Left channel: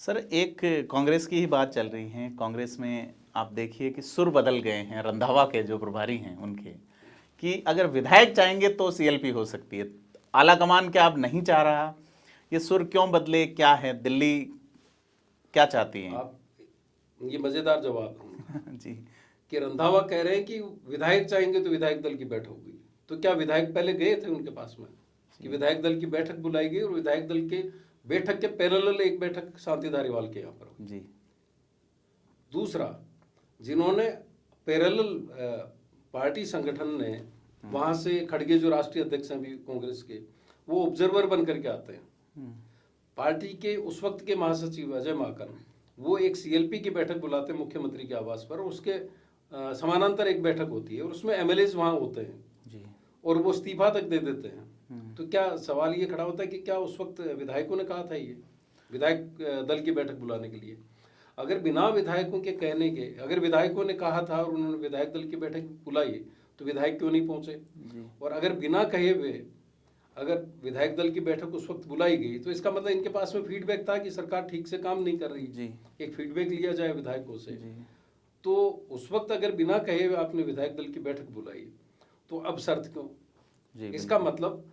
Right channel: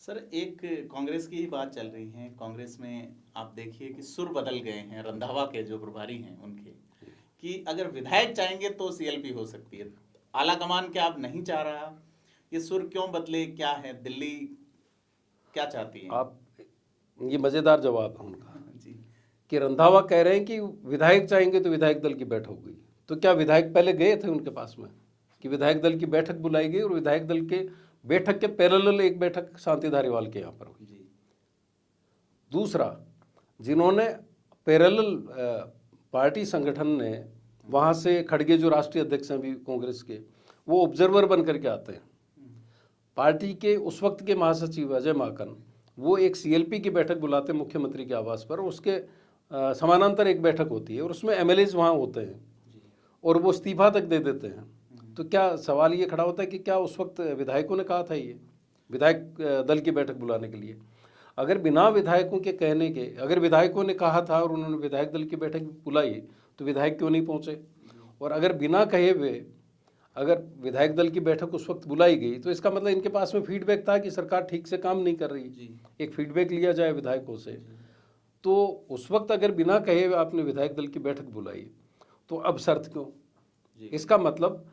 Sir, एक कांग्रेस की ही बात चल रही है। कांग्रेस में आप देखिए कि सुर बदल गए हैं रंधावा के जो प्रभारी हैं उनके, कि अगर विधायक चाहेंगे तो सीएलपी हो सकती है। आला कमान क्या अब नहीं चाह रहा? ये सुर क्यों बदले, क्या है? दिल्ली क्या चाहती है? आप ये मजेदार जवाब है उनका जी कि रंधावा कह रहे हैं कि विधायक चाहेंगे तो विधायक दल की बैठक होगी। तो क्या विधायक पहले गए थे उनके पास में कि विधायक दल की बैठक बुलाई गई और विधायक दल के बैठक के पैरेलल एक बैठक शांति धारीवाल के यहाँ पर हुई। जी दूसरा, जिन्होंने पैरेलल पार्टी संगठन ने वहां से खड़गे जो राष्ट्रीय अध्यक्ष हैं भी कांग्रेस के, वो ऑब्जर्वर बन करके आते हैं। पार्टी के उस वक्त के महासचिव अजय माकन वो एक सीएलपी की बैठक बुलाते हैं मुख्यमंत्री के आवास पर, उसके समानांतर एक बैठक होती है और उसमें एमएलए वहां होते हैं जी और वो इस्तीफा तक दे देते हैं। तो क्या सवाल ये खड़ा होता है कि क्या उस वक्त विधायकों ने कहा था ये विधायक दल की बैठक बुलाने के लिए? अगर बिना विधायकों के कहने के, अगर विधायकों ने कहा था और उन्होंने विधायक दल की बैठक बुलाई तो विधायक क्यों नहीं पहुंचे? और अगर बिना कहे हुए अगर विधायक दल की बैठक उस वक्त बुलाई गई तो इसका मतलब इनके पास में फीडबैक था कि सरकार ठीक से काम नहीं कर रही। जी एक फीडबैक लिया जाए विधायकों से। जी तो उस वक्त अगर बिना कहे हुए आपने विधायक दल की बैठक बुलाई तो अब शर्त क्यों? जी इसका मतलब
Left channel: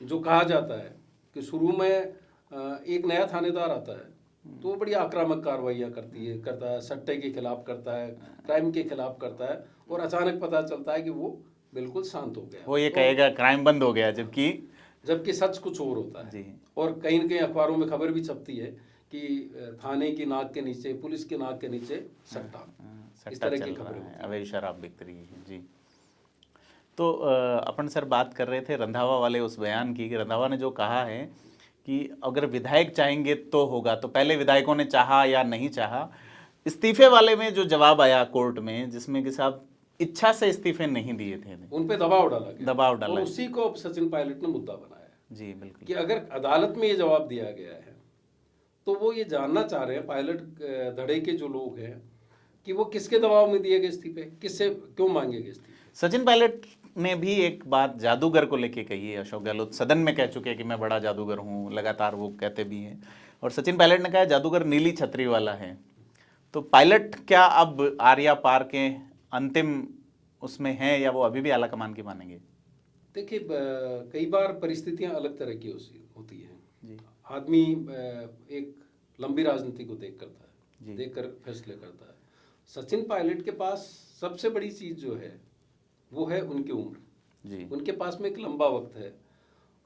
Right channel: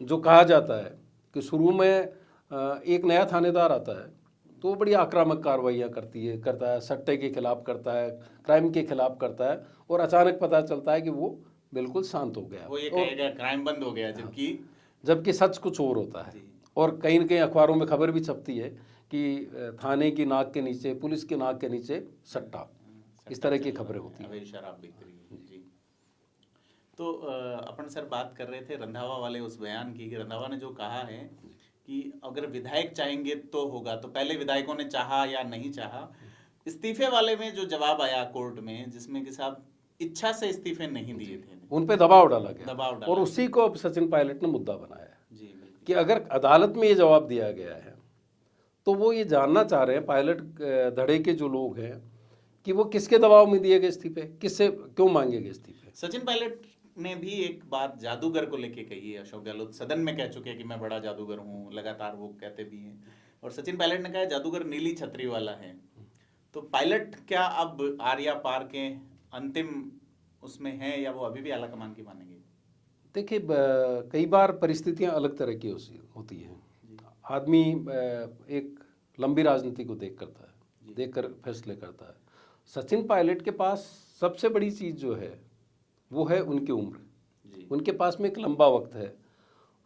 जो कहा जाता है कि शुरू में एक नया थानेदार आता है तो वो बड़ी आक्रामक कार्रवाइयाँ करता है, सट्टे के खिलाफ करता है, क्राइम के खिलाफ करता है और अचानक पता चलता है कि वो बिल्कुल शांत हो गया। वो ये कहेगा क्राइम बंद हो गया, जबकि सच कुछ और होता है। जी और कहीं न कहीं अखबारों में खबर भी छपती है कि थाने की नाक के नीचे, पुलिस की नाक के नीचे सट्टा, इस तरह की खबरें होती हैं। अवैध शराब बिक रही है। जी तो अपन सर बात कर रहे थे रंधावा वाले उस बयान की कि रंधावा ने जो कहा है कि अगर विधायक चाहेंगे तो होगा, तो पहले विधायकों ने चाहा या नहीं चाहा। इस्तीफे वाले में जो जवाब आया कोर्ट में, जिसमें कि साहब इच्छा से इस्तीफे नहीं दिए थे, उन पे दबाव डाला गया, दबाव डाला और उसी को अब सचिन पायलट ने मुद्दा बनाया जी बिल्कुल कि अगर अदालत में ये जवाब दिया गया है तो वो ये जानना चाह रहे हैं पायलट धड़े के जो लोग हैं कि वो किसके दबाव में दिए गए इस्तीफे, किससे क्यों मांगे गए इस्तीफे। सचिन पायलट ने भी एक बात जादूगर को लेके कही है। अशोक गहलोत सदन में कह चुके हैं कि मैं बड़ा जादूगर हूँ, लगातार वो कहते भी हैं। और सचिन पायलट ने कहा जादूगर नीली छतरी वाला है। तो पायलट क्या अब आर्या पार के अंतिम उसमें है, या वो अभी भी आला कमान की मानेंगे? देखिए, कई बार परिस्थितियां अलग तरह की होती हैं। आदमी एक लंबी राजनीति को देखकर फैसले करता है। सचिन पायलट के पास सबसे बड़ी चीज जो है वो है उनकी उम्र जी। उनके पास में एक लंबा वक्त है,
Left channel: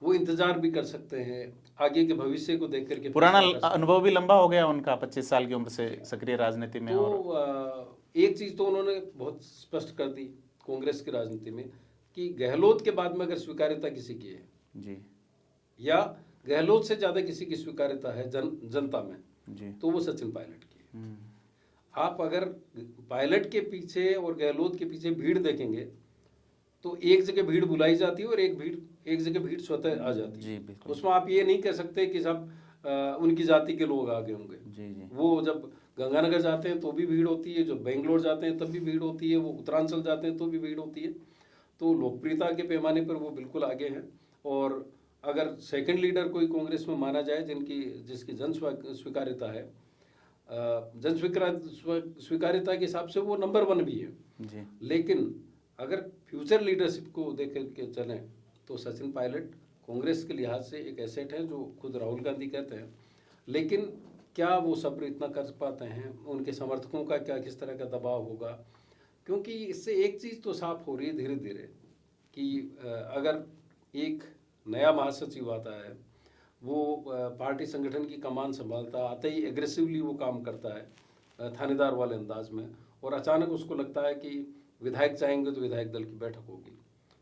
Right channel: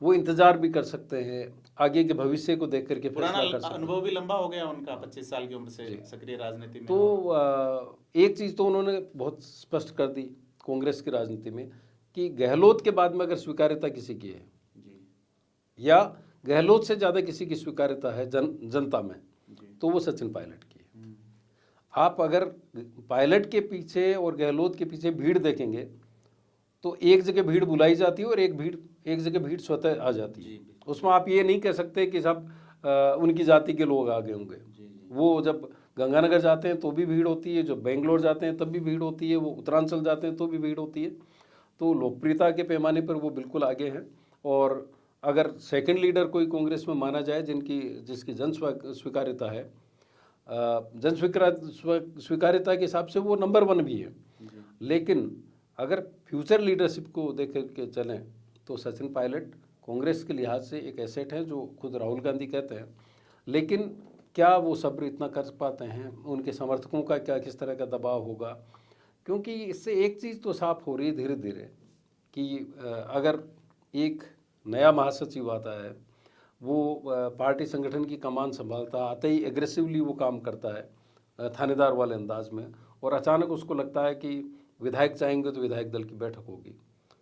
वो इंतजार भी कर सकते हैं, आगे के भविष्य को देख करके। पुराना अनुभव भी लंबा हो गया उनका, 25 साल की उम्र से सक्रिय राजनीति में। तो एक चीज तो उन्होंने बहुत स्पष्ट कर दी कांग्रेस की राजनीति में कि गहलोत के बाद में अगर स्वीकार्यता किसी की है जी, या गहलोत से ज्यादा किसी की स्वीकार्यता है जनता में जी, तो वो सचिन पायलट की है। आप अगर पायलट के पीछे और गहलोत के पीछे भीड़ देखेंगे तो एक जगह भीड़ बुलाई जाती है और एक जगह भीड़ स्वतः आ जाती है। उसमें आप ये नहीं कह सकते कि सब उनकी जाति के लोग आ गए होंगे जी। वो जब गंगानगर जाते हैं तो भी भीड़ होती है, जब बेंगलोर जाते हैं तब भी भीड़ होती है, वो उत्तरांचल जाते हैं तो भी भीड़ होती है। तो लोकप्रियता के पैमाने पर वो बिल्कुल आगे हैं। और अगर सेकंड लीडर कोई कांग्रेस में माना जाए जिसकी जन स्वीकार्यता है, जन स्वीकार्यता के हिसाब से वो नंबर 1 भी है जी। लेकिन अगर फ्यूचर लीडरशिप को देख के चलें तो सचिन पायलट कांग्रेस के लिहाज से एक एसेट है, जो खुद राहुल गांधी कहते हैं। लेकिन क्या वो सब्र इतना कर पाते हैं? उनके समर्थकों का क्या किस तरह का दबाव होगा? क्योंकि इससे एक चीज़ तो साफ हो रही है धीरे धीरे कि अगर एक नया महासचिव आता है, वो पार्टी संगठन की कमान संभालता, आते ही एग्रेसिवली वो काम करता है थानेदार वाले अंदाज में, और अचानक उसको लगता है कि विधायक चाहेंगे तो विधायक दल की बैठक होगी,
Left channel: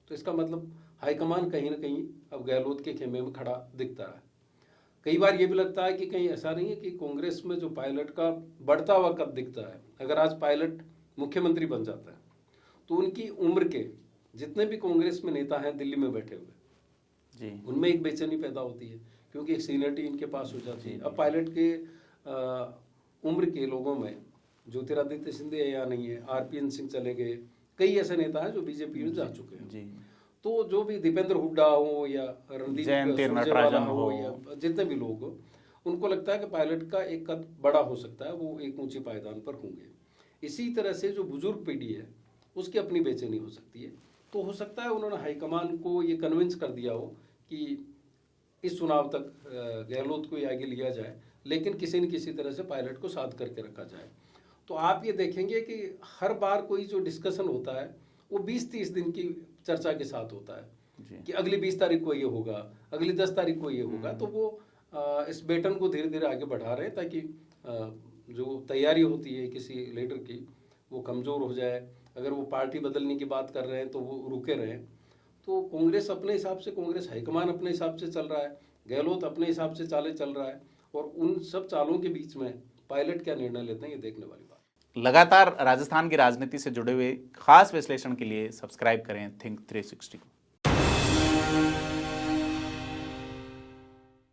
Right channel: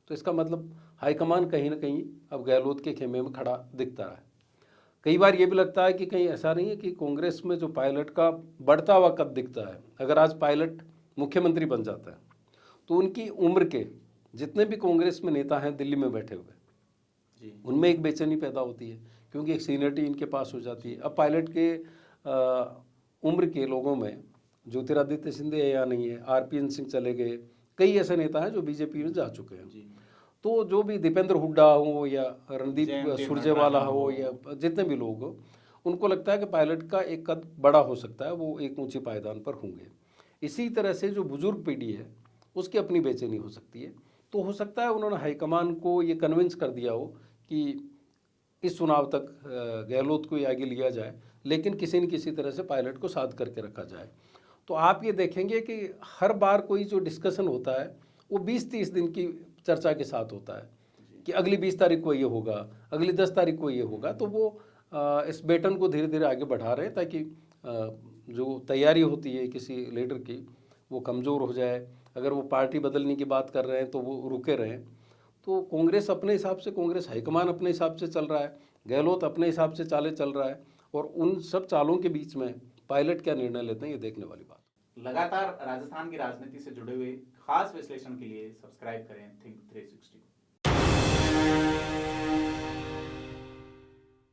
तो इसका मतलब हाईकमान कहीं ना कहीं अब गहलोत के खेमे में खड़ा दिखता है। कई बार ये भी लगता है कि कहीं ऐसा नहीं है कि कांग्रेस में जो पायलट का बढ़ता हुआ कद दिखता है, अगर आज पायलट मुख्यमंत्री बन जाता है तो उनकी उम्र के जितने भी कांग्रेस में नेता हैं दिल्ली में बैठे हुए जी, उनमें एक बेचैनी पैदा होती है क्योंकि एक सीनियरिटी इनके पास हो जाती है। अब पायलट के उम्र के लोगों में ज्योतिरादित्य सिंधिया या नहीं है, आरपीएन सिंह चले गए, कई ऐसे नेता हैं जो बीजेपी में जा चुके हैं जी। तो जो भी दीपेंद्र हुड्डा हो या रणदीप सुरजेवाला हो या जितने भी लोग हो, उनको लगता है कि पायलट का एक कद बड़ा हो सकता है, वो एक ऊंचे पायदान पर होंगे। इसी तरह से जो बुजुर्ग पीढ़ी है उसकी अपनी बेचैनी हो सकती है। तो हो सकता है उन्होंने हाईकमान को ये कन्विंस कर दिया हो कि इस चुनाव तक गहलोत को ही आगे लिया जाए, लेकिन किसी न किसी तरह से पायलट को साथ करके रखा जाए। तो आप ये देखेंगे कि हर बार कोई जो डिस्कशन होता है वो 20-30 दिन की चर्चा के साथ होता है कि अगली 20 तारीख को ये होगा, अगली 10 तारीख को ये होगा। तो वो इस बेटन को धीरे धीरे आगे बढ़ा रहे हैं ताकि जो तैयारी होती है किसी लीडर की वो कमज़ोर हो जाए। अगर वो पार्टी बदलने की बात कर रहे हैं तो वो रुके रहें। तो कांग्रेस अपने हिसाब से, कांग्रेस हाईकमान अपने हिसाब से चल रहा है, गहलोत अपने हिसाब से चालें चल रहा है, और उन सब चालों के बीच में पायलट क्या निर्णय लेते हैं ये देखने वाली बात। लगातार राजस्थान की राजनीति से जुड़े हुए खास विश्लेषण के लिए सब्सक्राइब करें थिंक 360 को।